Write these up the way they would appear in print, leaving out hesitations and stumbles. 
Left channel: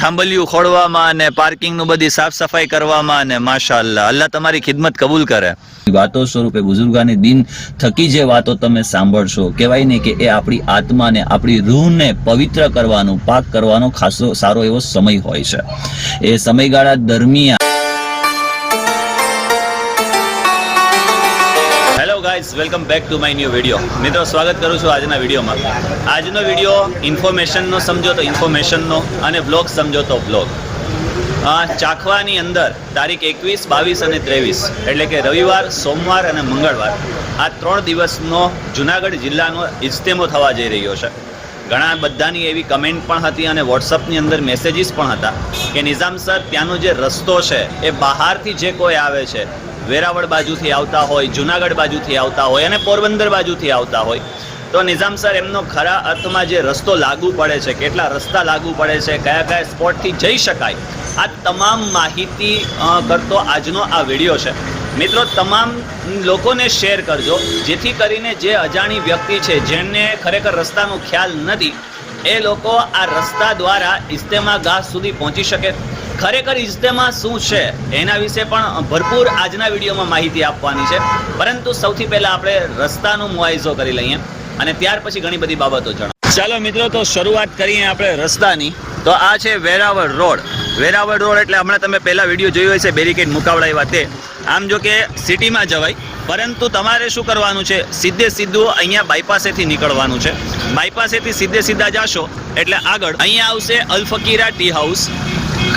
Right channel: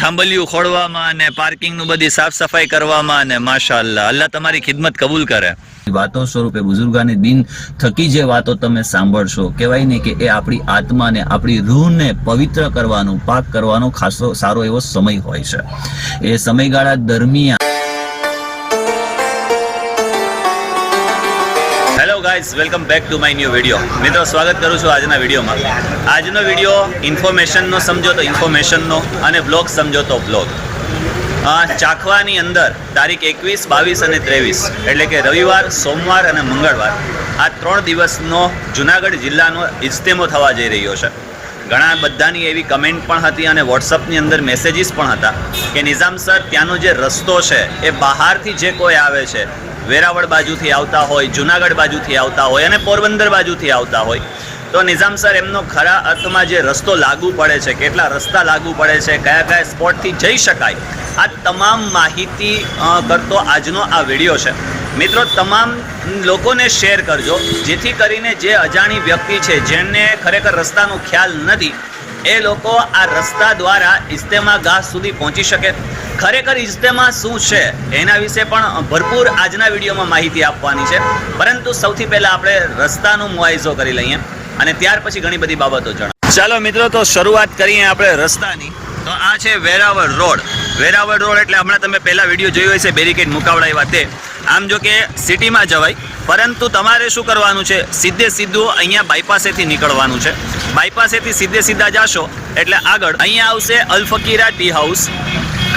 થાંભલિયું ખોડવામાં અને પાર્કિંગ નું બધી સાફ સફાઈ કરવામાં અને માશાઅલ્લાહ અલ્લાહ તમારી ખિદમત કબૂલ કરે. વાતો સ્વરૂપે બુઝુર્ગાની દિન થકી જે વાતો તમે સાંભળશો, કહેવાય ને કે એ આપણી આત્માને, આપણી રૂહને પવિત્ર કરવાનો, પાક કરવાનો ખાસો સારો એવો સમય હોય છે. એ સમયગાળા દરમિયાન hello guys, welcome back to my new video. મિત્રો, સ્વાગત કરું છું આજના વિડીયોમાં. આજનો વિડીયો ઇન્ફોર્મેશનનો સમજો તો ઇન્ફોર્મેશનનો અને બ્લોગ સમજો તો બ્લોગ. ચાખવાની અંદર તારીખ 21, 22 અને 23 એટલે કે રવિવાર, સોમવાર અને મંગળવાર આ 3 દિવસનો જુનાગઢ જિલ્લાનો ઇજ્તેમો થવા જઈ રહ્યો છે. ઘણા બધાની એવી કમેન્ટ પણ હતી અને વોટ્સઅપની અંદર મેસેજીસ પણ હતા કે નિઝામ સર, ત્યાંનો જે રસ્તો છે એ બહારથી જે કોઈ આવે છે, વેરાવળ બાજુથી આવતા હોય, જુનાગઢ બાજુથી આવતા હોય અને પોરબંદર બાજુથી આવતા હોય, તો નિઝામ સર એમનો ખરા અર્થમાં જે રસ્તો લાગુ પડે છે, કેટલા રસ્તા લાગુ પડે છે, કયા કયા સ્પોટથી જઈ શકાય, આ તમામ માહિતી કરતો આજનો આ વિડીયો છે. મિત્રો, તમામ લોકોને શેર કરજો, જેથી કરીને જે અજાણી વ્યક્તિ છે, જેને ખરેખર રસ્તાનો ખ્યાલ નથી, એ લોકો આ રસ્તા દ્વારા ઇજ્તેમા ગાહ સુધી પહોંચી શકે. ખરેખર ઇજ્તેમા શું છે એના વિશે પણ ભરપૂર આજના વિડીયોમાં માહિતી આપવાની છે. પરંતુ સૌથી પહેલાં આપણે રસ્તાનો મુઆયઝો કરી લઈએ અને ત્યાર પછી ઘણી બધી બાબતો જણાવીએ. ચાલો મિત્રો, તો શરૂઆત કરીએ આપણે રસ્તાની. તો આ છે વેરાવળ રોડ. વેરાવળ રોડ એટલે હમણાં તમે પહેલા વિડીયો જોયો હશે, બેરિકેડ મુકાવડાવ્યા તે. આમ જો કે સિટીમાં જવાય, પરંતુ તમારે શું કરવાનું છે, સીધે સીધું અહીંયા બાયપાસેથી નીકળવાનું છે. બાયપાસેથી સીધા જાશો એટલે આગળ અહીંયા આવશે અલફકીરા ટી હાઉસ.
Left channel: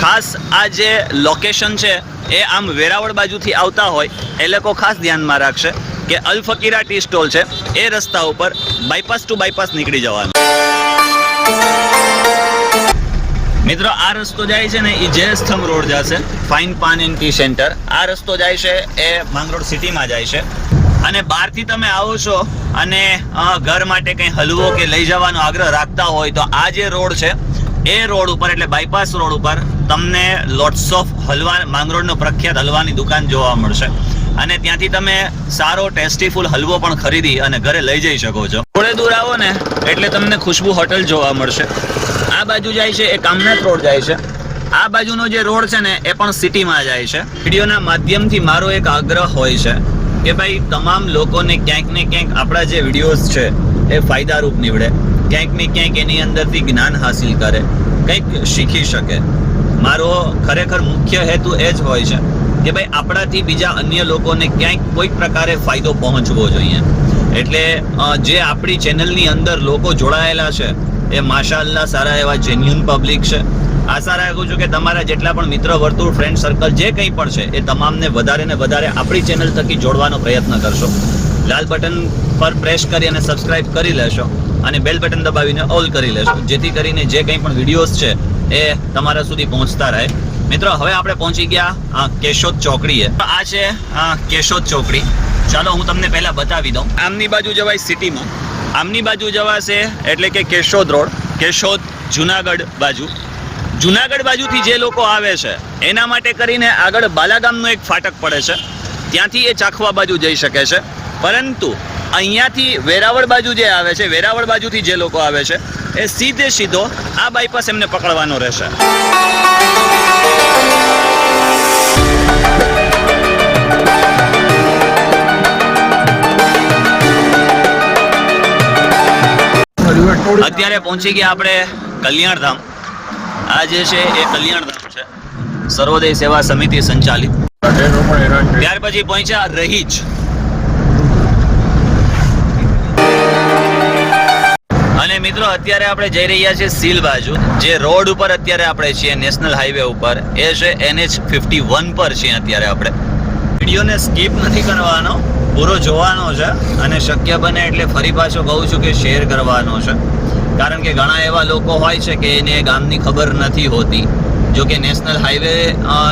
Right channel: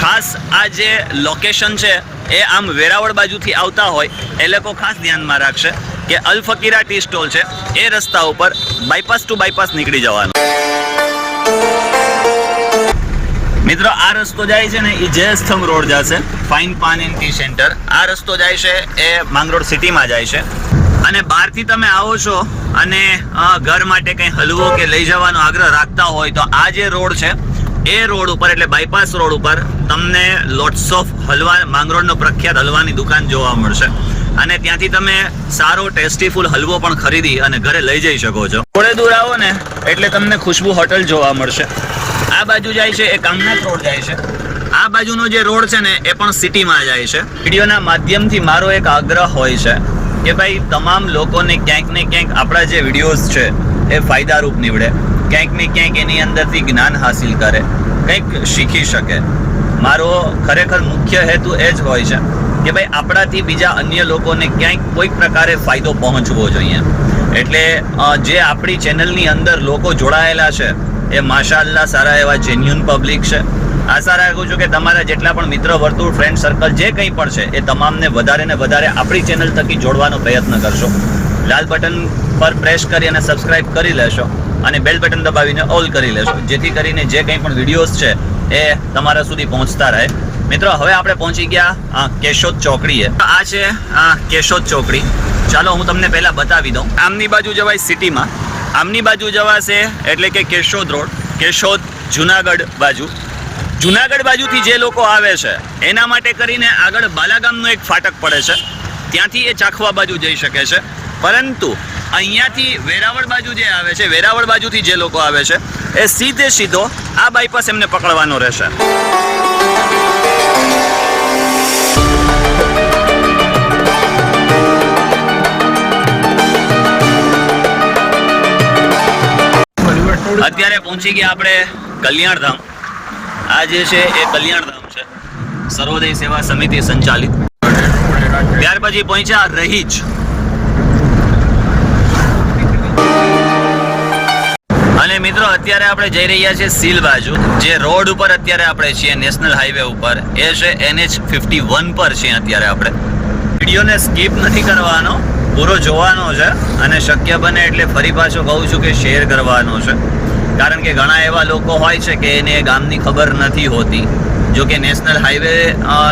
ખાસ આ જે લોકેશન છે એ આમ વેરાવળ બાજુથી આવતા હોય એ લોકો ખાસ ધ્યાનમાં રાખશે કે અલફકીરા ટી સ્ટોલ છે એ રસ્તા ઉપર બાયપાસ ટુ બાયપાસ નીકળી જવાનું. મિત્રો, આ રસ્તો જાય છે ને એ જયસ્તંભ રોડ જશે, fine PAN and T centre. આ રસ્તો જાય છે એ માંગરોળ સિટીમાં જાય છે. અને બહારથી તમે આવો છો અને ઘર માટે કંઈ હલવો કે લઈ જવાનો આગ્રહ રાખતા હોય તો આ જે રોડ છે એ રોડ ઉપર એટલે બાયપાસ રોડ ઉપર તમને લોટ્સ ઓફ હલવા, માંગરોળનો પ્રખ્યાત હલવાની દુકાન જોવા મળશે. અને ત્યાંથી તમે સારો ટેસ્ટીફુલ હલવો પણ ખરીદી અને ઘરે લઈ જઈ શકો છો. થોડે દૂર આવો ને એટલે તમને ખુશ્બુ હોટલ જોવા મળશે. આ બાજુ જાય છે એ કામનાથ રોડ જાય છે. આ બાજુનો જે રોડ છે ને એ પણ સિટીમાં જાય છે. વિડીયોના માધ્યમથી મારો એક આગ્રહ હોય છે કે ભાઈ તમામ લોકોને ક્યાંક ને ક્યાંક આપણા જે વિડીયોઝ છે એ ફાયદારૂપ નીવડે, ક્યાંક ને ક્યાંક એની અંદરથી જ્ઞાન હાસિલ કરે, કંઈક શીખી શકે. મારો ખરેખર મુખ્ય હેતુ એ જ હોય છે કે ભાઈ આપણાથી બીજા અન્ય લોકોને ક્યાંક કોઈક પ્રકારે ફાયદો પહોંચવો જોઈએ. એટલે જે આપણી ચેનલની અંદર લોકો જોડાયેલા છે એ માશાઅલ્લાહ સારા એવા જેન્યુન પબ્લિક છે. આશા રાખું છું કે તમારા જેટલા પણ મિત્ર વર્તુળ, ફ્રેન્ડ સર્કલ જે કંઈ પણ છે એ તમામને વધારે ને વધારે આપણી ચેનલ થકી જોડવાનો પ્રયત્ન કરશો. લાલ બટન પર પ્રેસ કરી અને સબસ્ક્રાઇબ કરી લેશો અને બેલ બટન દબાવીને ઓલ કરી લેશો, જેથી કરીને જે કંઈ પણ વિડીયોઝ છે એ તમારા સુધી પહોંચતા રહે. મિત્રો, હવે આપણે પહોંચી ગયા કેશોદ ચોકડીએ. આ છે કેશોદ ચોકડી. ચાલો હું તમને પહેલા બતાવી દઉં. આમની બાજુ જવાય સિટીમાં, આમની બાજુ જવાશે એટલે કે કેશોદ રોડ, કેશોદ જુનાગઢ બાજુ. જુનાગઢ બાજુથી જે લોકો આવે છે એના માટે કરીને આગળ બાલાગામનો એક ફાટક પડે છે, ત્યાંથી એ ચાખવા બાજુ જઈ શકે છે. પરંતુ અહીંયાથી વેરાવળ બાજુ જે આવે છે, વેરાવળ બાજુથી જે લોકો આવે છે એ સીધો આ બાયપાસ એમને પકડવાનો રહેશે. અત્યારે પહોંચી ગયા આપણે કલ્યાણધામ. આ જે છે એ કલ્યાણધામ છે, સર્વોદય સેવા સમિતિ સંચાલિત. ત્યાર પછી પહોંચ્યા રહીજ. અને મિત્રો, અત્યારે આપણે જઈ રહ્યા છીએ સીલ બાજુ. જે રોડ ઉપર અત્યારે આપણે છીએ નેશનલ હાઈવે ઉપર, એ છે NH51 પર છીએ અત્યારે આપણે. વિડીયોને સ્કીપ નથી કરવાનો, પૂરો જોવાનો છે અને શક્ય બને એટલે ફરી પાછો કહું છું કે શેર કરવાનો છે. કારણ કે ઘણા એવા લોકો હોય છે કે એને ગામની ખબર નથી હોતી. જો કે નેશનલ હાઈવે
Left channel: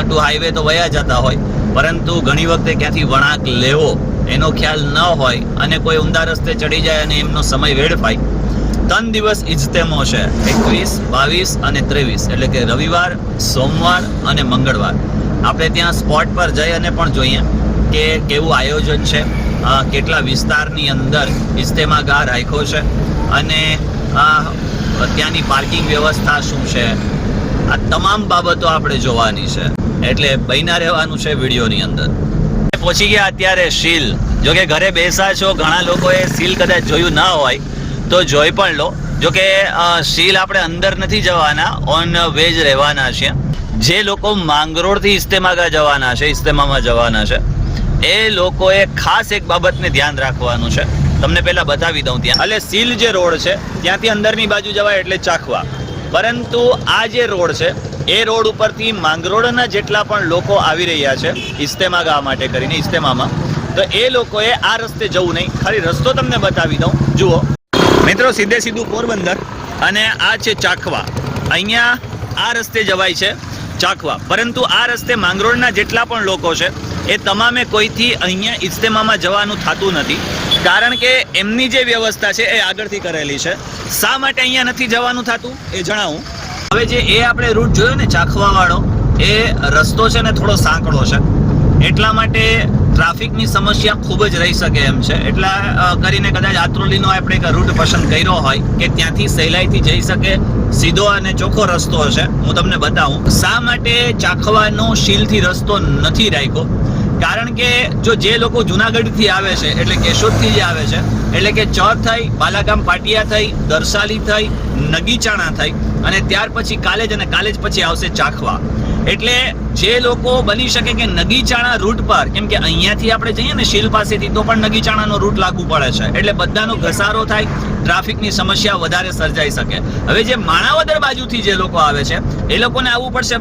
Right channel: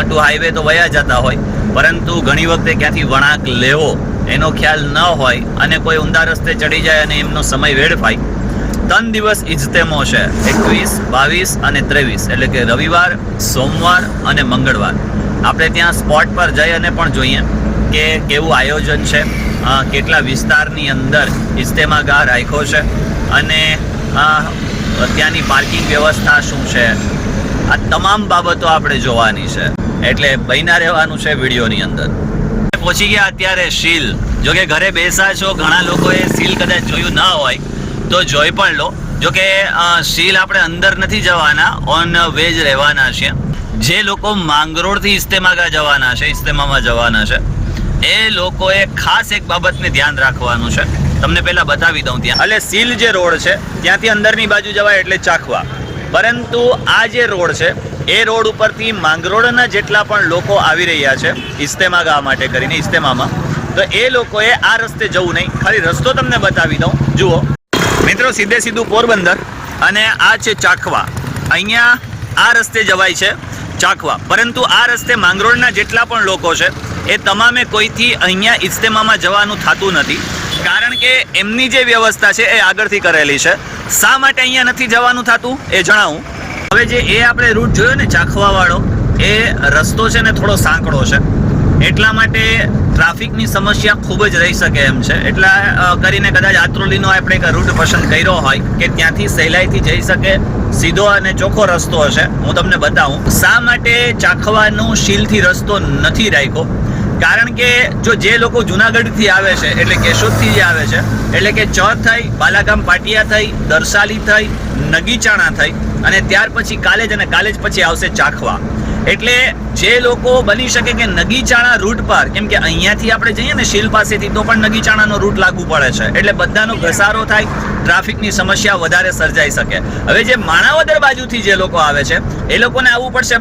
ટુ હાઈવે તો વયા જતા હોય, પરંતુ ઘણી વખતે ક્યાંથી વળાંક લેવો એનો ખ્યાલ ન હોય અને કોઈ ઊંધા રસ્તે ચડી જાય અને એમનો સમય વેડફાય. 3 દિવસ ઇજ્તેમો છે, 21, 22 અને 23 એટલે કે રવિવાર, સોમવાર અને મંગળવાર. આપણે ત્યાં સ્પોટ પર જઈ અને પણ જોઈએ કે કેવું આયોજન છે, કેટલા વિસ્તારની અંદર ઇજ્તેમા ગાહ રાખ્યો છે અને ત્યાંની પાર્કિંગ વ્યવસ્થા શું છે, આ તમામ બાબતો આપણે જોવાની છે. એટલે બન્યા રહેવાનું છે વિડીયોની અંદર. પહોંચી ગયા અત્યારે શીલ. જો કે ઘરે બેસા છો, ઘણા લોકોએ શીલ કદાચ જોયું ના હોય તો જોઈ પણ લો. જો કે શીલ આપણે અંદર નથી જવાના, ઓન વેજ રહેવાના છે. જે લોકો માંગરોળથી ઇસ્તેમામાં જવાના છે એ લોકોએ ખાસ એક બાબતને ધ્યાન રાખવાનું છે. તમને પહેલા બતાવી દઉં. ત્યાં એટલે સીલ જે રોડ છે ત્યાંથી અંદરની બાજુ જવાય એટલે ચાખવા. પરંતુ આ જે રોડ છે એ રોડ ઉપરથી માંગરોળના જેટલા પણ લોકો આવી રહ્યા છે ઇસ્તેમા ગાવા માટે કરીને ઇસ્તેમામાં, તો એ લોકોએ આ રસ્તે જવું નહીં. ખાલી રસ્તો તમને બતાવી દઉં. જુઓ મિત્રો, સીધું પોરબંદર અને આ છે ચાખવા. અહીંયા આ રસ્તે જવાય છે ચાખવા. પરંતુ આ રસ્તે માંગરોળના જેટલા પણ લોકો છે એ તમામે કોઈથી અહીંયા ઇસ્તેમામાં જવાનું થતું નથી, કારણ કે એમની જે વ્યવસ્થા છે એ આગળથી કરેલી છે. શા માટે અહીંયા નથી જવાનું થતું એ જણાવું. હવે જે એ આપણે રૂટ જોયો ને ચાખવા વાળો, એ રસ્તો છે ને થોડો સાંકડો છે, એટલા માટે ટ્રાફિકની સમસ્યા ખૂબ જ રહી શકે એમ છે. એટલા કરીને કદાચ આત્રોલીનો આપણે એક રૂટ પસંદ કર્યો હોય કે ત્યાંથી સહેલાઈથી જઈ શકે, સીધો અને ચોખ્ખો રસ્તો હશે. હું તમને બતાવું શા માટે ચાખવાનો શીલથી રસ્તો નથી રાખ્યો. કારણ કે જો જે લોકો જુનાગઢથી આવે છે એટલે કેશોદથી જે આવે છે એટલે કે ચોર થઈ, બાલાગામ પાટિયા થઈ, દરસાલી થઈ, નગીચાણા થઈ અને ત્યાર પછી કાલેજ અને કાલેજ પછી આવશે ચાખવા. એટલે જે લોકો બની શકે કે નગીચાણા રૂટ પર, કેમ કે અહીંયાથી આપણે જઈએ ને શીલ પાસેથી તો પણ નગીચાણાનો રૂટ લાગુ પડે છે, એટલે બધાનો ઘસારો થાય, ટ્રાફિકની સમસ્યા વધારે સર્જાઈ શકે. હવે જે માણાવદર બાજુથી જે લોકો આવે છે એ લોકોને આવવું પડશે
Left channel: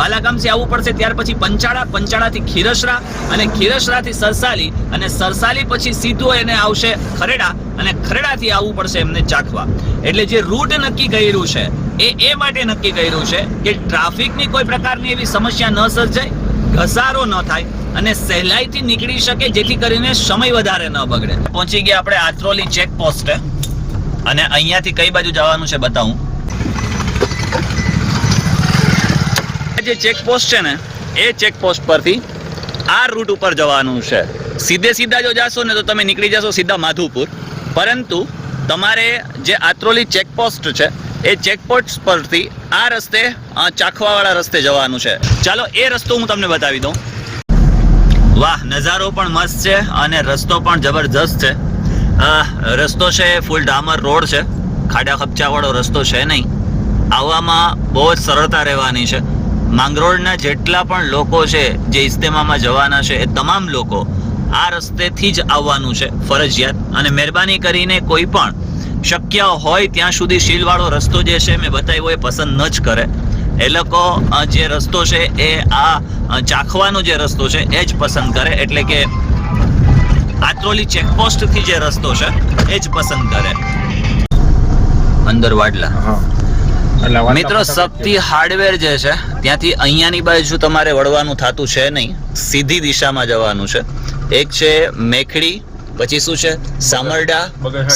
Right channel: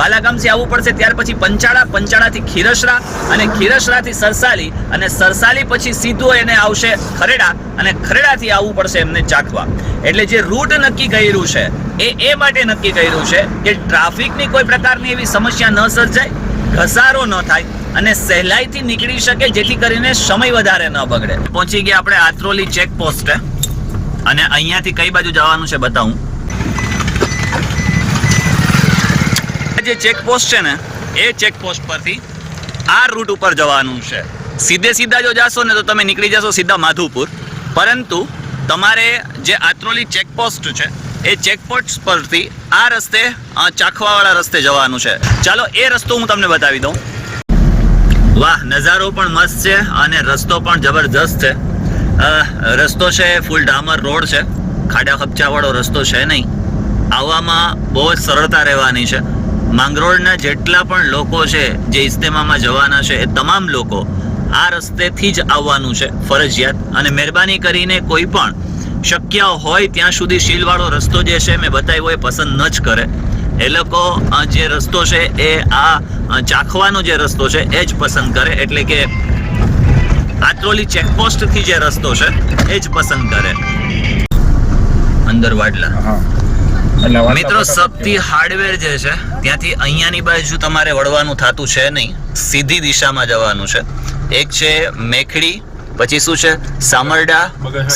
બાલાગામથી આવવું પડશે, ત્યાર પછી પંચાળાથી ખીરસરા અને ખીરસરાથી સરસાલી અને સરસાલી પછી સીધું એને આવશે ખરેડા અને ખરેડાથી આવવું પડશે એમને ચાખવા. એટલે જે રૂટ નક્કી કર્યું છે એ માટે નક્કી કર્યું છે કે ટ્રાફિકની કોઈ પ્રકારની એવી સમસ્યા ન સર્જાય, ઘસારો ન થાય અને સહેલાઈથી નીકળી શકે, જેથી કરીને સમય વધારે ન બગડે. પહોંચી ગયા આપણે આત્રોલી ચેકપોસ્ટ અને અહીંયાથી કઈ બાજુ જવાનું છે બતાવું. જે ચેકપોસ્ટ છે ને એ ચેકપોસ્ટ પરથી આ રૂટ ઉપર જવાનું છે. સીધા જો જાશો ને તો તમે નીકળી જશો સીધા માધુપુર. પરંતુ તમારે જે આત્રોલી ચેકપોસ્ટ છે એ ચેકપોસ્ટ પરથી આ રસ્તે ચાખવાવાળા રસ્તે જવાનું છે. ચાલો એ રસ્તો હું તમને બતાવી દઉં. વાહ, નજારો પણ મસ્ત છે અને રસ્તો પણ જબરજસ્ત છે. રસ્તો છે ફૂલ ડામર રોડ છે, ખાડા ખપચાવાળો રસ્તો છે નહીં. આવવામાં બહુ જ સરળતા રહેવાની છે. માંગરોળના જેટલા પણ લોકો છે જે ઇસ્તેમામાં જવાના છે એ તમામ લોકો આ રસ્તેથી જ આવવાનું છે ફરજિયાત. અને મહેરબાની કરીને કોઈ પણ શક્ય હોય ત્યાં સુધી શીલવાળો રસ્તો જે છે મેં બતાવ્યો એ પસંદ ન જ કરે. એ લોકો જે રસ્તો છે એ આ ચાખવાનો જે રસ્તો છે એ જ પસંદ કરે, એટલે કે આત્રોલી ચેકપોસ્ટથી જે રસ્તો છે એ જ પસંદ કરે. અંદર વાડલા મિત્રો, શક્તિ હાર્ડવેર જે છે ત્યાંથી અહીંયાની બાજુ તમારે વળવાનું થતું છે નહીં, સીધી દિશામાં જવાનું છે. એક છે મેખડી, પછી શું છે સામરડા,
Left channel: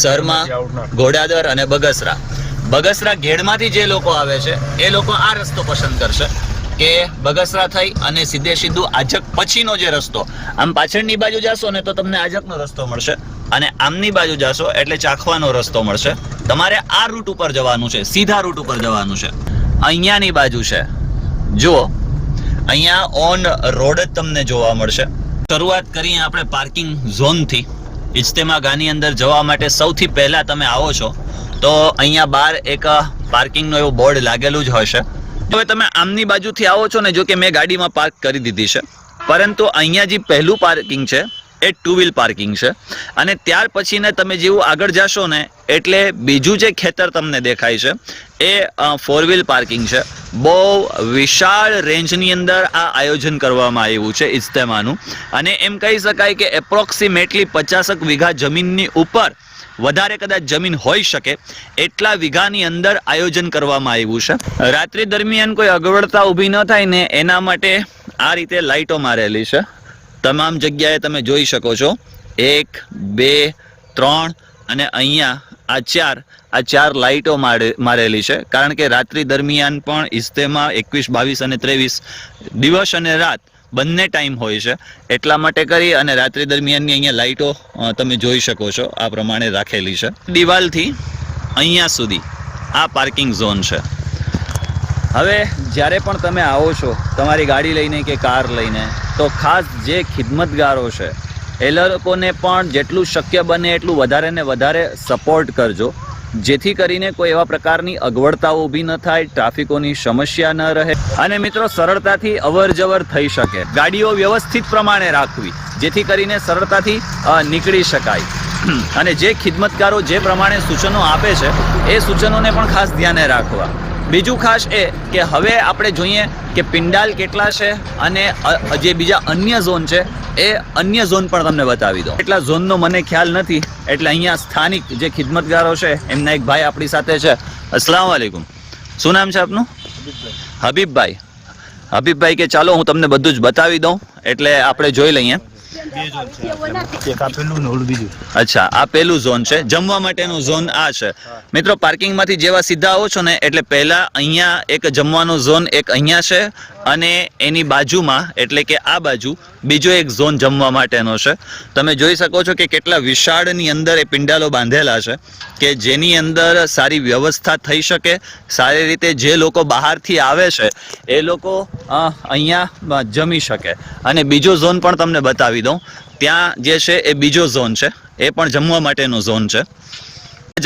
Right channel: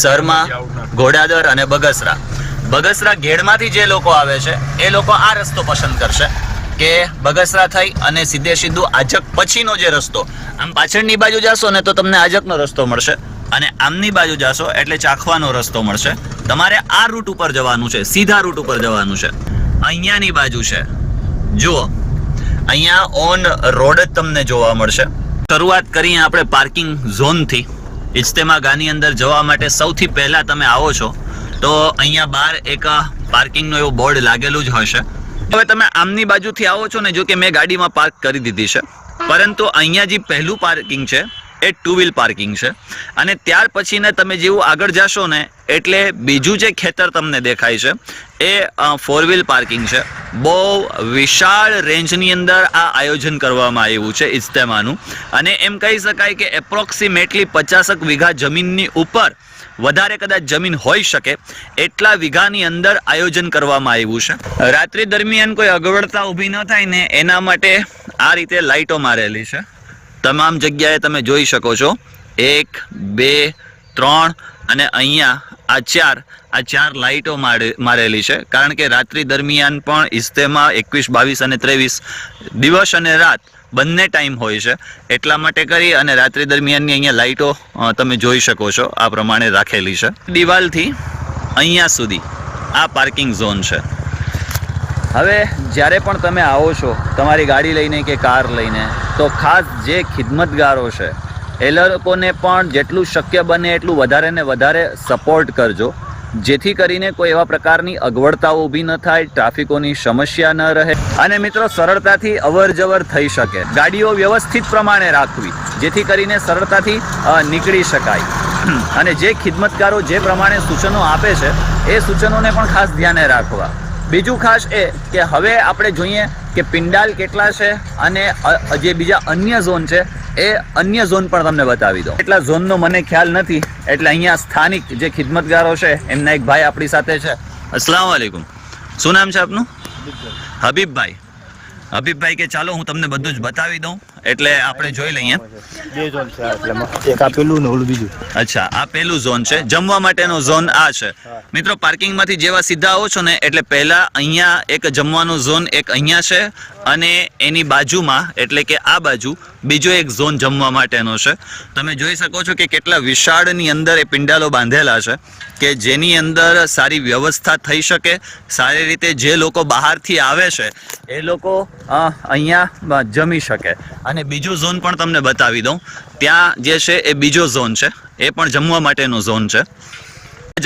સરમા, ઘોડાદર અને બગસરા. બગસરા ઘેડમાંથી જે લોકો આવે છે એ લોકો આ રસ્તો પસંદ કરશે કે બગસરા થઈ અને સીધું આજક પછીનો જે રસ્તો. આમ પાછળની બાજુ જાશો ને તો તમને આજકનો રસ્તો મળશે અને આમની બાજુ જાશો એટલે ચાખવાનો રસ્તો મળશે. તમારે આ રૂટ ઉપર જવાનું છે, સીધા રૂટ ઉપર જવાનું છે. અહીંયાની બાજુ છે જુઓ, અહીંયા ઓન રોડ જ તમને જોવા મળશે. શરૂઆત કરીએ આપણે પાર્કિંગ ઝોનથી. ઇજ્તેમા ગાની અંદર જવા માટે સૌથી પહેલા તમે આવો છો તો અહીંયા બહાર એક પાર્કિંગનું એવું બોર્ડ લાગેલું જ હશે. હવે તમે આમની બાજુથી આવો છો ને, જો કે મેં ગાડીમાં પાર્ક કરી દીધી છે, પરંતુ અહીંયા જે પહેલું પાર્કિંગ છે એ 2 વ્હીલ પાર્કિંગ છે. અને ત્યાર પછી ને તમે જેવું આગળ જાશો ને એટલે બીજું જે ખેતર તમને દેખાય છે એ 4 વ્હીલ પાર્કિંગ છે. બહુ વિશાળ રેન્જની અંદર આ આયોજન કરવામાં આવ્યું છે ઇજ્તેમાનું. અને એમ કહી શકાય કે એપ્રોક્સિમેટલી 50 વીઘા જમીનની ઉપર વધારે કદાચ જમીન હોઈ શકે એટલા વીઘાની અંદર આયોજન કરવામાં આવ્યું છે. રાત્રિ દરમિયાન કોઈ અગવડતા ઊભી ન થાય ને એના માટે આ રીતે લાઇટો મારેલી છે. તમામ જગ્યાએ તમે જોઈ શકો છો 1, 2, 3 અને અહીંયા આ ચાર લાઇટો મારેલી છે. કારણ કે રાત્રિ દરમિયાન પણ ઇજ્તેમા 21, 22 અને 23 દિવસ અને રાત બંને ટાઈમ હોય છે. એટલા માટે કરી અને રાત્રિ દરમિયાનની અહીંયા લાઇટો તમે જોઈ શકો છો આ પ્રમાણે રાખેલી છે. દિવાલથી અહીંયા સુધી આ પાર્કિંગ ઝોન છે. હવે જ્યારે પણ તમે આવો છો તમારી ગાડી લઈને કે કાર લઈને, તો ખાસ જે ખિદમતગારો છે એ લોકોને પણ જેટલું શક્ય બને એટલું વધારે ને વધારે સપોર્ટ કરજો, જેથી કરીને કોઈ એવા પ્રકારની અગવડતાઓ ઊભી ન થાય, ટ્રાફિકોની સમસ્યા ન રહે અને મિત્રો સરળતાથી અવર જવર થઈ શકે. ગાડીઓ વ્યવસ્થિત પ્રમાણે રાખવી જેથી કરીને સરળતાથી નીકળી શકાય. અને જે ખિદમતગારો જે પ્રમાણે સૂચનો આપે છે એ સૂચનોને પણ ખાસ ધ્યાને રાખવા. બીજું ખાસ એ કે હવે આપણે જોઈએ કે પિંડાલ કેટલા છે અને જે બીજા અન્ય ઝોન છે એ અન્ય ઝોન પણ તમને બતાવી દો. એટલા ઝોનનો મને ખ્યાલ નથી, એટલે અહીંયા સ્થાનિક જે ખિદમતગારો છે એમના એક ભાઈ આપણી સાથે છે. અસ્સલામ વાલેકુમ. શું નામ છે આપનું? હબીબભાઈ. હબીબભાઈ કે ચાલો હું તમને બધું જ બતાવી દઉં, એટલે આપણે જોઈ લઈએ. અચ્છા, આ પેલું ઝોન છે, જમવા માટેનો ઝોન આ છે. મિત્રો પાર્કિંગમાંથી જેવા સીધા આવો છો ને એટલે પહેલા અહીંયા એક જમવાનો ઝોન એક અહીંયા છે અને એની બાજુમાં એટલે કે આ બાજુ બીજો એક ઝોન જમવા માટેનો છે. તમે જોઈ શકો છો કે કેટલા વિશાળની અંદર એ પિંડાલો બાંધેલા છે કે જેની અંદર સારી વ્યવસ્થા થઈ શકે, સારી રીતે જે લોકો બહારથી આવે છે એ લોકો અહીંયા જમી શકે. અને બીજો ઝોન પણ તમને બતાવી દઉં. ત્યાં જે છે એ બીજો ઝોન છે, એ પણ જમવા માટેનો ઝોન છે.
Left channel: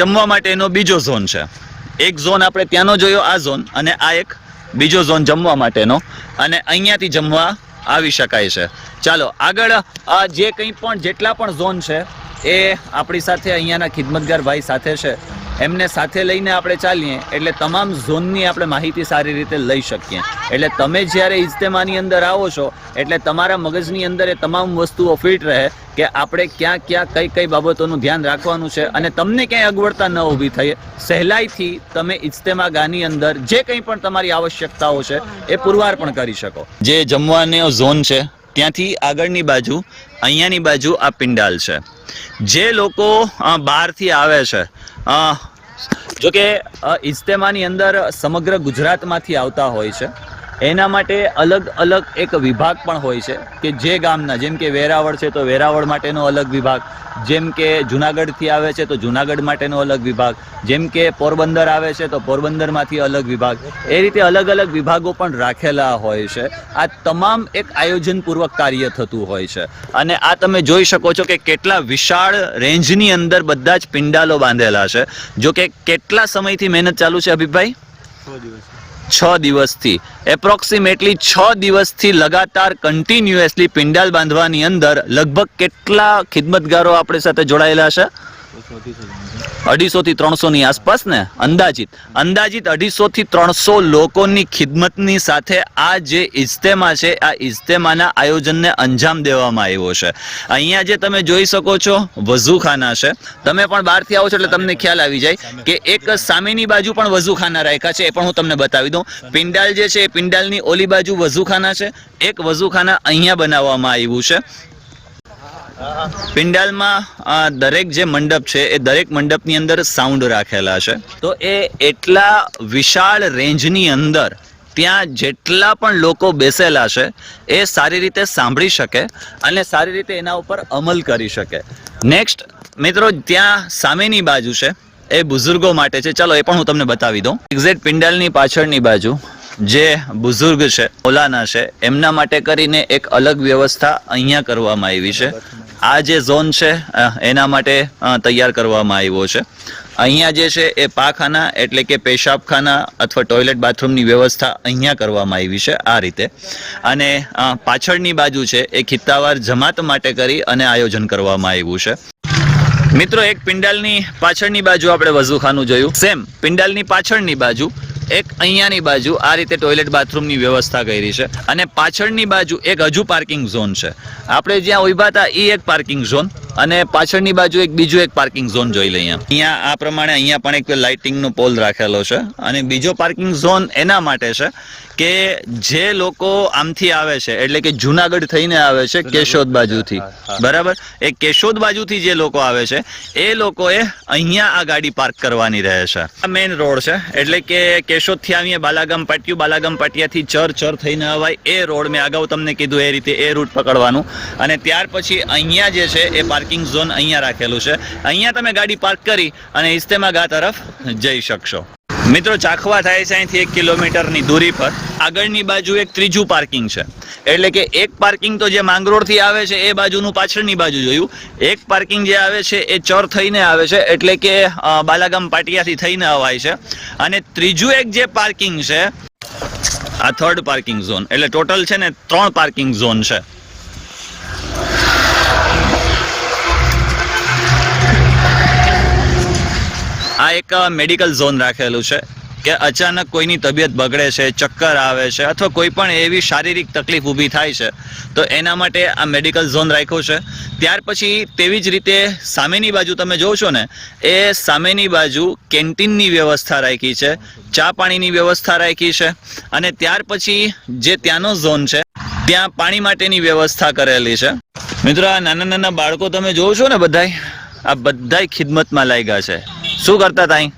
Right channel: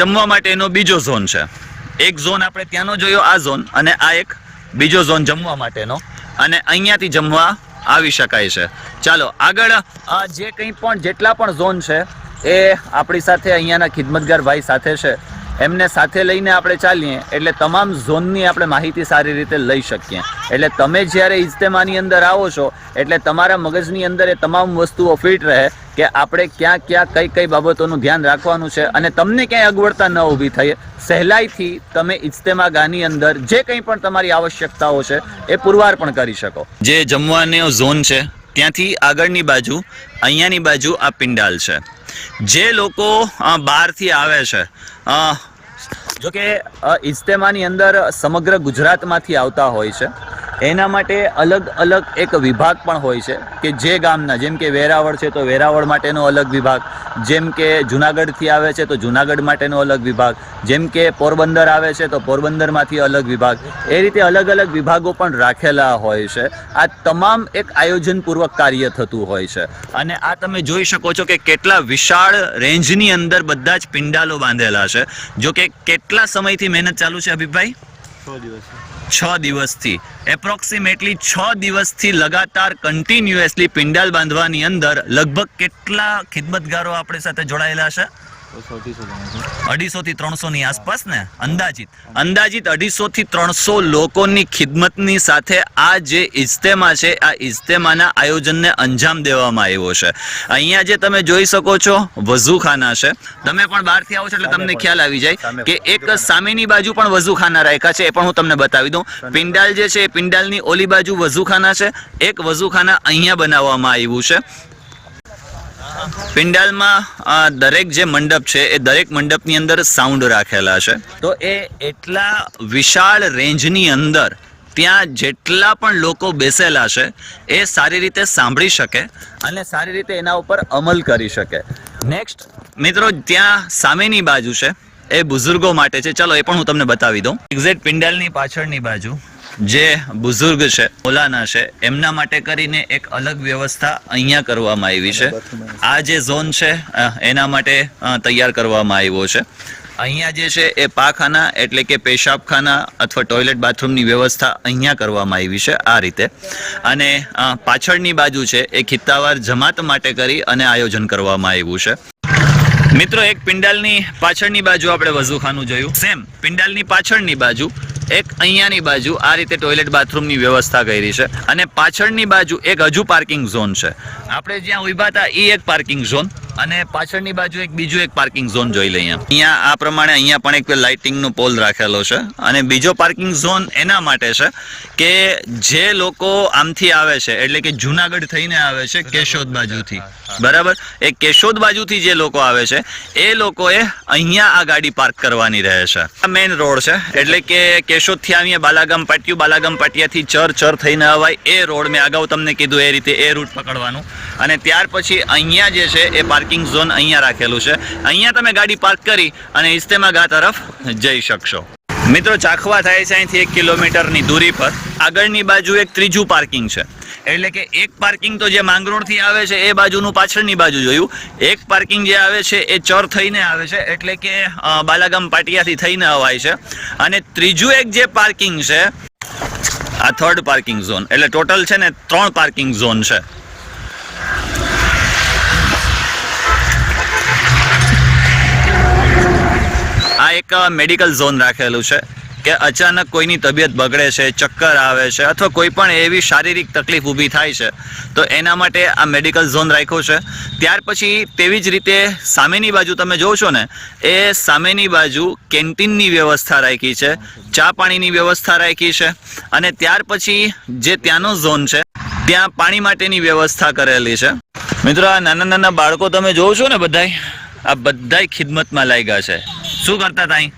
જમવા માટેનો બીજો ઝોન છે. એક ઝોન આપણે ત્યાંનો જોયો, આ ઝોન, અને આ એક બીજો ઝોન જમવા માટેનો, અને અહીંયાથી જમવા આવી શકાય છે. ચાલો આગળ જે કંઈ પણ જેટલા પણ ઝોન છે એ આપણી સાથે અહીંયાના ખિદમતગાર ભાઈ સાથે છે, એમને સાથે લઈને આપણે ચાલીએ એટલે તમામ ઝોનની આપણે માહિતી સારી રીતે લઈ શકીએ. એટલે તમે જ્યારે ઇજ્તેમાની અંદર આવો છો એટલે તમારા મગજની અંદર એ તમામ વસ્તુઓ ફિટ રહે કે આપણે ક્યાં ક્યાં કઈ કઈ બાબતોનું ધ્યાન રાખવાનું છે અને તમને ક્યાંય અગવડતા ન ઊભી થઈ, સહેલાઈથી તમે ઇજ્તેમા ગાહની અંદર જે કંઈ પણ તમારી આવશ્યકતાઓ છે એ પુરવાર પણ કરી શકો. જે જમવાનો ઝોન છે ત્યાંથી આગળની બાજુ અહીંયાની બાજુ આ પિંડાલ છે. જે લોકો બહારથી આવે છે, જો કે ઇજ્તેમાની અંદર સમગ્ર ગુજરાતમાંથી આવતા હોય છે, એના માટે અલગ અલગ એક વિભાગ પણ હોય છે કે જે ગામના, જેમ કે વેરાવળ છે તો વેરાવળ માટેનો અલગ વિભાગ, જેમ કે જુનાગઢથી આવે છે તો જુનાગઢ માટેનો અલગ વિભાગ, જેમ કે પોરબંદર આવે છે તો પોરબંદરમાંથી અલગ વિભાગ, એ રીતે અલગ અલગ વિભાગો પણ રાખેલા હોય છે. આ તમામ એક આયોજનપૂર્વક કાર્ય થતું હોય છે. અને આ તમે જોઈ શકો છો કે કેટલા વિશાળ રેન્જની અંદર બધા જ પિંડાલો બાંધેલા છે. જો કે કેટલા સમયથી મહેનત ચાલુ છે હબીબભાઈ? 6 દિવસથી, એપ્રોક્સિમેટલી 6 દિવસથી લગાતાર કન્ટિન્યુઅસલી પિંડાલ બાંધવાની અંદર લગભગ કેટલા ખિદમતગારો આપણી સાથે જોડાયેલા છે? 250 થી 300 ની આસપાસ ને અંદાજિત 250 થી 300 લોકોની ખિદમતની સાથે આ જે ઇજ્તેમા છે, આ ઇજ્તેમાના આયોજનને અંજામ દેવામાં આવ્યો છે. અહીંયા જે તમે જોઈ શકો છો વઝુખાના છે. તમે પણ બહારથી આવો છો એટલે તમને ખ્યાલ આવી જાય કે એક સામેની બાજુ પણ વઝુખાના રાખ્યા છે, એ પણ હું તમને બતાવી દઉં. પિંડાલ જે છે એ પિંડાલની ઓલી બાજુ વઝુખાના છે, એક વઝુખાના અહીંયા બનાવવામાં આવ્યું છે. પિંડાલમાં દરેક જે મંડપ છે એ દરેક મંડપની અંદર સાઉન્ડ રાખેલા છે. તો એ એટલા વિશાળ રેન્જની અંદર ત્યાં જેટલા પણ લોકો બેસેલા છે એ સારી રીતે સાંભળી શકે અને સારી રીતે એના ઉપર અમલ કરી શકે. નેક્સ્ટ મિત્રો, ત્યાં સામેની બાજુ છે એ બુઝુર્ગો માટે છે. ચાલો એ પણ હું તમને બતાવી દઉં. એક્ઝેક્ટ પિંડાલની પાછળની બાજુ જે બુઝુર્ગ છે, મૌલાના છે, એમના માટે કરીને એક અલગ વ્યવસ્થા અહીંયા કરવામાં આવી છે. આ જે ઝોન છે એના માટે તૈયાર કરવામાં આવ્યો છે. અહીંયા જે છે એ પાખાના એટલે કે પેશાબખાના અથવા ટોયલેટ બાથરૂમની વ્યવસ્થા અહીંયા કરવામાં આવી છે આ રીતે. અને પાછળની બાજુ છે એ ખિત્તાવાર જમાત માટે કરી અને આયોજન કરવામાં આવ્યું છે. મિત્રો, એક પિંડાલની પાછળની બાજુ આપણે વઝુખાનું જોયું, સેમ પિંડાલની પાછળની બાજુ એક અહીંયાની બાજુ આ રીતે ટોયલેટ બાથરૂમની વ્યવસ્થા કરી છે. અને પાછળની બાજુ એક હજુ પાર્કિંગ ઝોન છે. આપણે જ્યાં ઉભા હતા એ એક પાર્કિંગ ઝોન અને પાછળની બાજુ એક બીજો એક પાર્કિંગ ઝોન જોઈ લઈએ. અહીંયા આ પ્રમાણે અહીંયા પણ એક લાઇટિંગનો પોલ રાખેલો છે. અને બીજો પાર્કિંગ ઝોન એના માટે છે કે જે લોકો આમથી આવે છે એટલે કે જુનાગઢ થઈને આવે છે કેશોદ બાજુથી, બરાબર, એ કેશોદ બાજુથી જે લોકો આવે છે એ લોકોએ અહીંયા આ ગાડી પાર્ક કરવાની રહે છે. આ મેઇન રોડ છે એટલે કે કેશોદથી આવીએ બાલાગામ પાટિયું, બાલાગામ પાટિયાથી ચર થઈને અવાય એ રોડ મેં અગાઉ તમને કીધું એ રીતે એ રૂટ પકડવાનું. અને ત્યાર પછી અહીંયા જે છે એ પાર્કિંગ ઝોન અહીંયા રાખેલું છે. અહીંયા તમે ગાડી પાર્ક કરી અને ઇજ્તેમા ગાહ તરફ જઈ શકશો. મિત્રો ચાખવા થાય છે અહીંથી 1 કિલોમીટરની દૂરી પર. આગળની બાજુ એક ત્રીજું પાર્કિંગ છે, એટલે કે એક પાર્કિંગ તો જે માંગરોળથી આવે છે એ બાજુનું પાછળની બાજુ જોયું. એક પાર્કિંગ જે આવે છે એ ચર થઈને આવે છે, એટલે કે બાલાગામ પાટિયાથી થઈને અવાય છે. અને ત્રીજું એક જે પાર્કિંગ છે આ થર્ડ પાર્કિંગ ઝોન, એટલે ટોટલ છે ને 3 પાર્કિંગ ઝોન છે. આ એક મેડિકલ ઝોન રાખેલું છે કે અચાનક કોઈની તબિયત બગડે છે, ચક્કર આવે છે અથવા કોઈ પણ એવી શારીરિક તકલીફ ઊભી થાય છે તો એના માટે આ મેડિકલ ઝોન રાખ્યો છે. ત્યાર પછી તેવી જ રીતે સામેની બાજુ તમે જોશો ને એ સામેની બાજુ કેન્ટીનની વ્યવસ્થા રાખી છે, ચા પાણીની વ્યવસ્થા રાખી છે. અને ત્યાર પછી જે ત્યાંનો ઝોન છે ત્યાં પાણી માટેની વ્યવસ્થા કરેલી છે. મિત્રો આ નાના નાના બાળકો તમે જોવો છો ને બધાય, આ બધાય ખિદમતમાં લાગ્યા છે. શું કરતા હતા અહીં?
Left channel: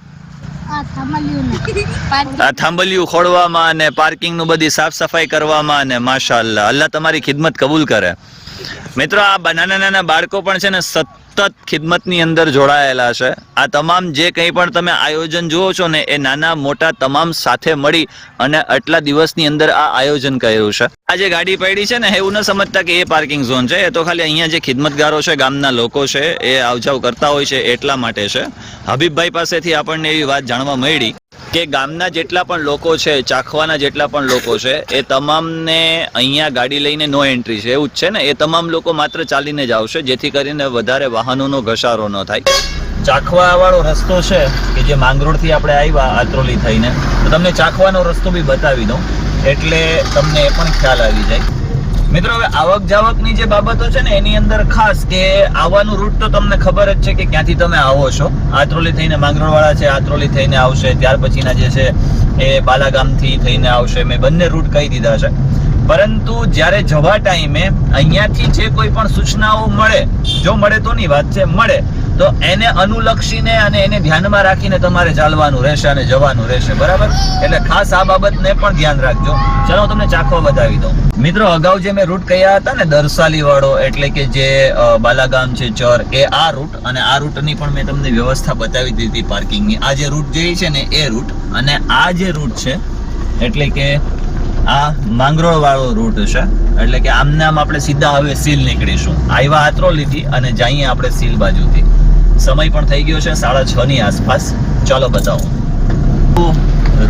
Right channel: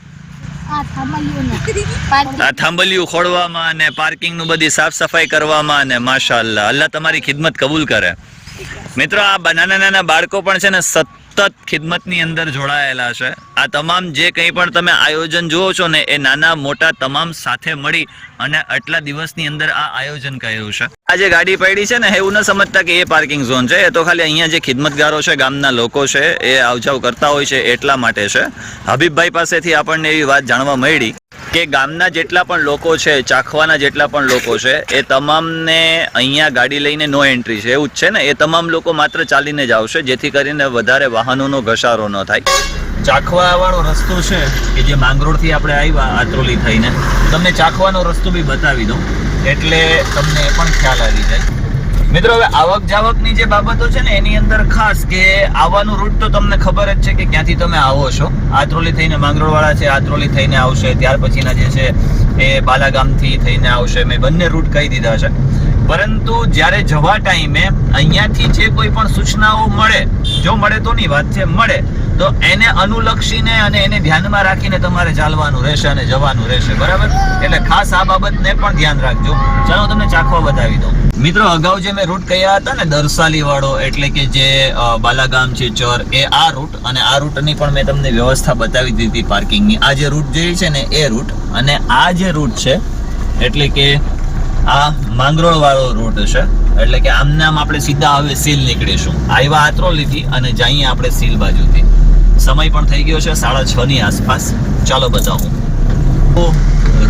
આ થાંભલિયું ખોડવામાં અને પાર્કિંગ નું બધી સાફ સફાઈ કરવામાં, અને માશાઅલ્લાહ, અલ્લાહ તમારી ખિદમત કબૂલ કરે. મિત્રો આ નાના નાના બાળકો પણ છે ને સતત ખિદમતની અંદર જોડાયેલા છે. આ તમામ જે કંઈ પણ તમે આયોજન જુઓ છો ને એ નાના મોટા તમામ સાથે મળી અને આટલા દિવસની અંદર આ આયોજન કર્યું છે. આ જે ગાડી પડી છે ને એવું ન સમજતા કે એ પાર્કિંગ ઝોન છે, એ તો ખાલી અહીંયા જે ખિદમતગારો છે, ગામના લોકો છે, એ આવજાવ કરતા હોય છે એટલા માટે છે. હબીબભાઈ પાસેથી આપણને એવી વાત જાણવા મળી કે ગામના જેટલા પણ લોકો છે, ચાખવાના જેટલા પણ લોકો છે, એ તમામને અહીંયા ગાડી લઈને નો એન્ટ્રી છે, એવું જ છે ને. એ તમામ લોકો માત્ર ચાલીને જ આવશે, જેથી કરીને વધારે વાહનોનો ઘસારો ન થાય. ચાખવા વાળો રસ્તો છે કે જે માંગરોળથી આપણે આવ્યા આત્રોલી થઈને, તો તમને ચાખવાનો રસ્તો બી બતાવી દઉં એટલે તમને એ પણ ખ્યાલ આવી જાય. મિત્રો હવે આવક જાવકની જે બાબતો છે ને એની અંદર ખાસ કે આવવાનું રૂટ તો તમને ખબર જ છે કે ક્યાંથી તમે આવો છો. આત્રોલી થઈને માંગરોળ વાળા છે, આત્રોલી થઈને આવશે, ત્યાર પછીના જે છે એ બાલાગામથી થઈને આવશે. મેં બંને રૂટ કહી દીધા છે. પરંતુ જ્યારે જવા ટાઈમે અહીંયાથી જે કોઈ પણ સૂચનાઓ મળે, જો મળે તો ની વાત છે, મળે તો એને અનુલક્ષીને અને એને ધ્યાનમાં રાખીને તમારે ચાલવાનું રહેશે અને જવાનું રહેશે, બરાબર? એટલે ખાસ આ બાબતને પણ ધ્યાન રાખજો. ચાલો તમને ચાખવા બતાવી દઉં. મિત્રો અગાઉ જે મેં રૂટ કહ્યા હતા ને દરસાલી વાળો, એટલે કે જે બાલાગામ છે ચર, એ આ રૂટ, અને આ રૂટની પણ મેં તમને વ્યવસ્થા બતાવી દીધી પાર્કિંગની. આ જે રૂટ જે છે ને એ રૂટ, અને આ જે રૂટ છે એટલે કે આ માંગરોળ વાળો રૂટ છે, એટલે કે આમને આમ આપણે સીધા હવે સીલ નીકળીશું. આવ્યા આત્રોલીથી અને જઈએ આપણે સીલ બાજુથી. સમય પણ થઈ ગયો છે 6:30 ની આસપાસ. ચાલો બતાવું.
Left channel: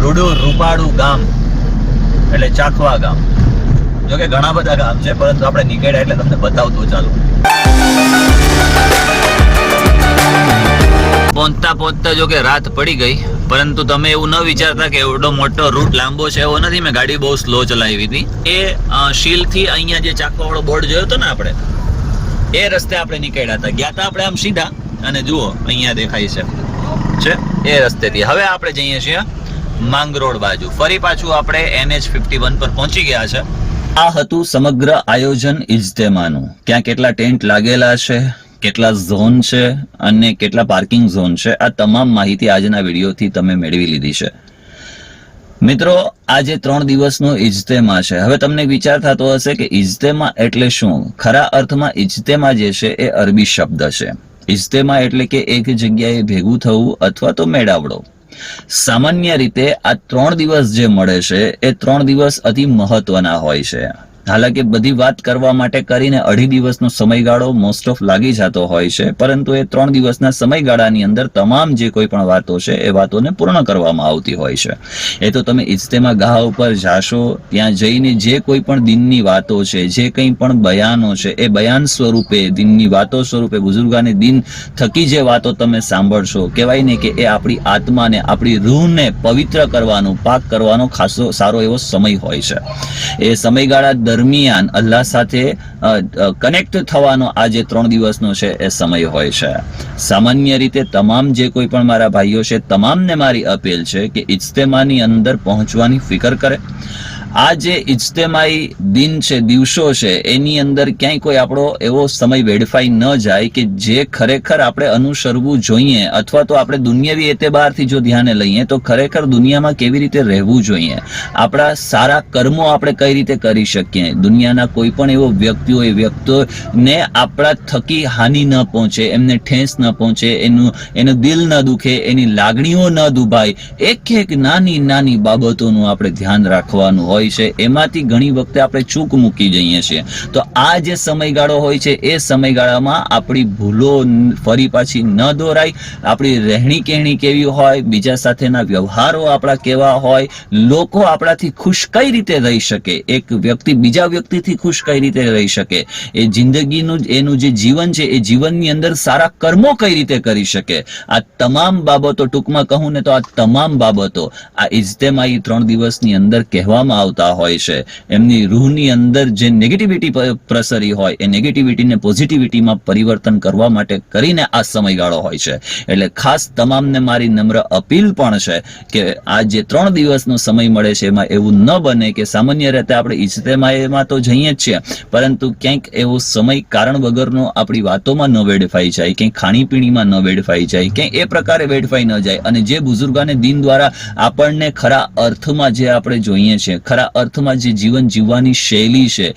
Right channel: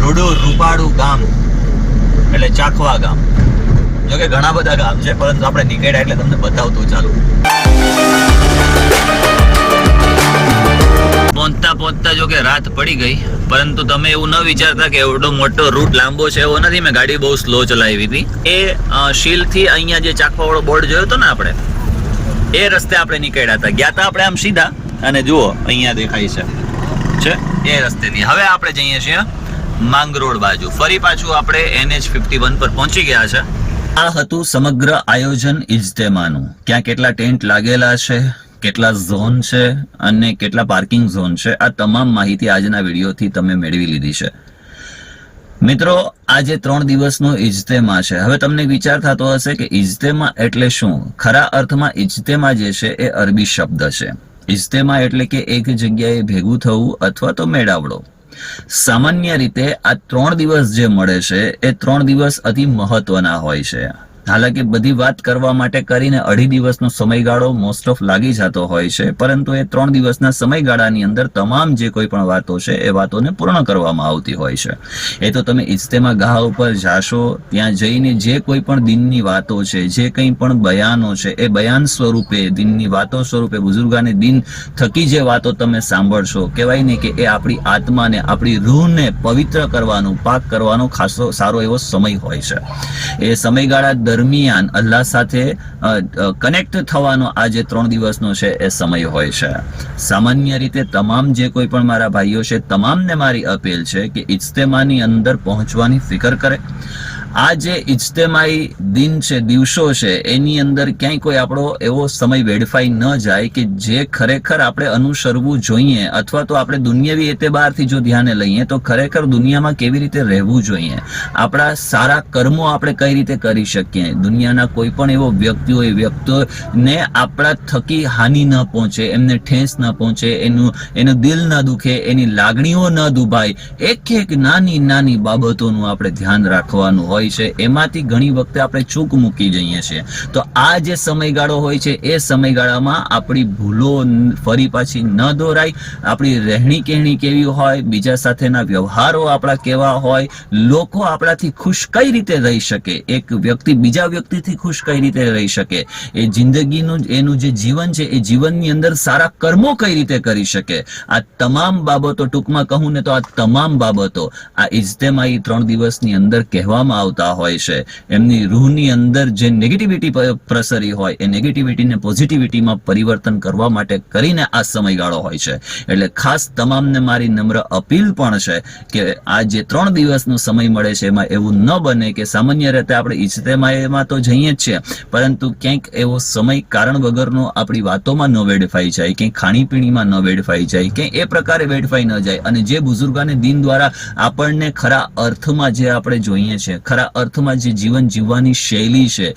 રૂડું રૂપાળું ગામ એટલે ચાખવા ગામ. જોકે ઘણા બધા ગામ છે, પરંતુ આપણે નીકળ્યા એટલે તમને બતાવતું ચાલુ. પહોંચતા પહોંચતા જો કે રાત પડી ગઈ, પરંતુ તમે એવું ન વિચારતા કે એવડો મોટો રૂટ લાંબો છે, એવો નથી. મેં ગાડી બહુ સ્લો ચલાવી હતી. એ શીલથી અહીંયા જે ચાખવા વાળો બોર્ડ જોયો હતો ને આપણે, એ રસ્તે આપણે નીકળ્યા હતા. ગયા હતા આપણે આમ સીધા, અને જુઓ અહીંયા દેખાય છે એ રસ્તેથી. હવે આપણે જઈએ છીએ માંગરોળ બાજુ. ફરી પાછું આપણે NH51 પર પહોંચી ગયા છે. આ હતું સમગ્ર આયોજન ઇજ્તેમાનું. ક્યાં કેટલા ટેન્ટ લાગેલા છે, કેટલા ઝોન છે અને કેટલા પાર્કિંગ ઝોન છે, આ તમામ માહિતી આજના વિડીયોથી તમે મેળવી લીધી છે. મિત્રો આ જે 3 દિવસનો ઇજ્તેમા છે, હવે તમને વિચાર થતો હશે કે ઇજ્તેમા એટલે શું? ખરા અર્થમાં ઇજ્તેમા જે છે એ અરબી શબ્દ છે. ઇજ્તેમા એટલે કે એક જગ્યાએ ભેગું થવું અથવા તો મેળાવડો. સામાન્ય રીતે આ 3 દિવસ જે મળે છે એ 3 દિવસ અતિ મહત્વના હોય છે. હાલાકી બધી વાત કરવા માટે કરીને 2.5 દિવસનો સમયગાળો મોસ્ટ ઓફ લાગી જતો હોય છે, પરંતુ એ 3 દિવસના સમયગાળાની અંદર તમામ જે કોઈ પણ વાતો છે એ વાતોને પૂર્ણ કરવામાં આવતી હોય છે. એ તો તમે ઇજ્તેમા ગાહ ઉપર જાશો, ત્યાં જઈને જે કોઈ પણ દિનની વાતો છે, જે કંઈ પણ બયાનો છે, એ બયાન સ્વરૂપે, દિનની વાતો સ્વરૂપે, બુઝુર્ગાને દિન થકી જે વાતો તમે સાંભળશો, કહેવાય ને કે એ આપણી આત્માને, આપણી રૂહને પવિત્ર કરવાનો, પાક કરવાનો ખાસો સારો એવો સમય હોય છે. એ સમયગાળા દરમિયાન અલ્લાહ સાથે કનેક્ટ થવાનો આ જે 3 દિવસનો છે એ સમય હોય છે. સામાન્ય રીતે તમામ જે કોઈ પણ મારા ભાઈઓ છે, તમામને મારી અપીલ છે કે ઇજ્તેમાની અંદર પહોંચવાની ફિકર કરે આ જે ઇજ્તેમાઈ દિન છે, દિવસો છે, એની અંદર ક્યાંય કોઈ આપણો એવો સમય વેડફાઈ ન જાય કે જે ખરેખર આપણે અનુસરવું જોઈએ, અથવા તો આપણે દુનિયાવી એતબારથી જો ધ્યાને લઈએ તો ખરેખર દુનિયામાં કેવી રીતે રહેવું જોઈએ, આપણા સારા કર્મો આપણે કઈ રીતે કરી શકીએ, દુનિયાના કોઈ પણ એવો વ્યક્તિ હોય, વ્યક્તિને આપણા થકી હાનિ ન પહોંચે, એમને ઠેસ ન પહોંચે, એનું દિલ ન દુખે, એની લાગણીઓ ન દુભાય, એક એક નાની નાની બાબતોનું આપણે ધ્યાન રાખવાનું હોય છે. એમાંથી ઘણી વખતે આપણે ચૂક મૂકી જઈએ છીએ. તો આ જે સમયગાળો હોય છે એ સમયગાળામાં આપણી ભૂલો ફરી પાછી ન દોરાય, આપણી રહેણી કહેણી કેવી હોય, બીજા સાથેના વ્યવહારો આપણા કેવા હોય, લોકો આપણાથી ખુશ કઈ રીતે રહી શકે, એક વ્યક્તિ બીજા વ્યક્તિથી ખુશ કઈ રીતે રહી શકે, એ જિંદગીનું એનું જે જીવન છે એ જીવનની અંદર સારા કર્મો કઈ રીતે કરી શકે, આ તમામ બાબતો, ટૂંકમાં કહું ને તો આ તમામ બાબતો આ ઇજ્તેમાઈ 3 દિવસની અંદર કહેવામાં આવતા હોય છે. એમની રૂહની અંદર જે નેગેટિવિટી પ્રસરી હોય એ નેગેટિવિટીને પોઝિટિવિટીમાં પરિવર્તન કરવા માટે કરીને આ સમયગાળો હોય છે. એટલે ખાસ તમામને મારી નમ્ર અપીલ પણ છે કે આ જે 3 દિવસનો સમય મળે છે એમાં એવું ન બને કે સામાન્ય રીતે આપણે ઇજ્તેમાઈમાં તો જઈએ જ છીએ, પરંતુ ક્યાંક એવો સમય કારણ વગરનો આપણી વાતોમાં ન વેડફાઈ જાય, ક્યાંક ખાણીપીણીમાં ન વેડફાઈ જાય, ક્યાંક એ પ્રકારે વેડફાઈ ન જાય. અને જે બુઝુર્ગાને દીન દ્વારા આપણને ખરા અર્થમાં જે આપણે જોઈએ છે, ખરા અર્થમાં જે જીવન જીવવાની શૈલી છે,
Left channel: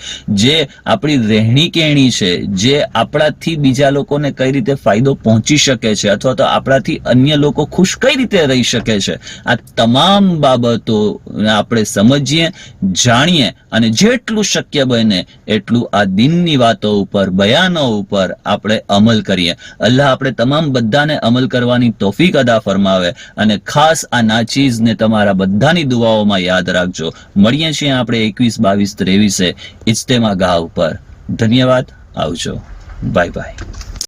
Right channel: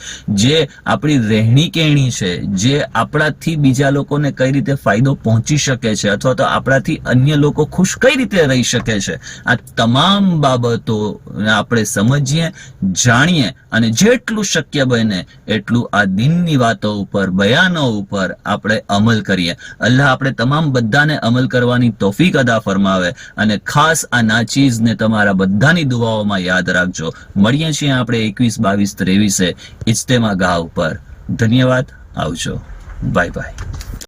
જે આપણી રહેણી કહેણી છે, જે આપણાથી બીજા લોકોને કઈ રીતે ફાયદો પહોંચી શકે છે, અથવા તો આપણાથી અન્ય લોકો ખુશ કઈ રીતે રહી શકે છે, આ તમામ બાબતો આપણે સમજીએ, જાણીએ અને જેટલું શક્ય બને એટલું આ દિનની વાતો ઉપર, બયાનો ઉપર આપણે અમલ કરીએ. અલ્લાહ આપણે તમામ બધાને અમલ કરવાની તૌફીક અદા ફરમાવે. અને ખાસ આ નાચીઝને તમારા બધાની દુઆઓમાં યાદ રાખજો. મળીએ છીએ આપણે 21, 22, 23 ઇજ્તેમા ગાહ ઉપર. ધન્યવાદ. આવજો. Bye bye.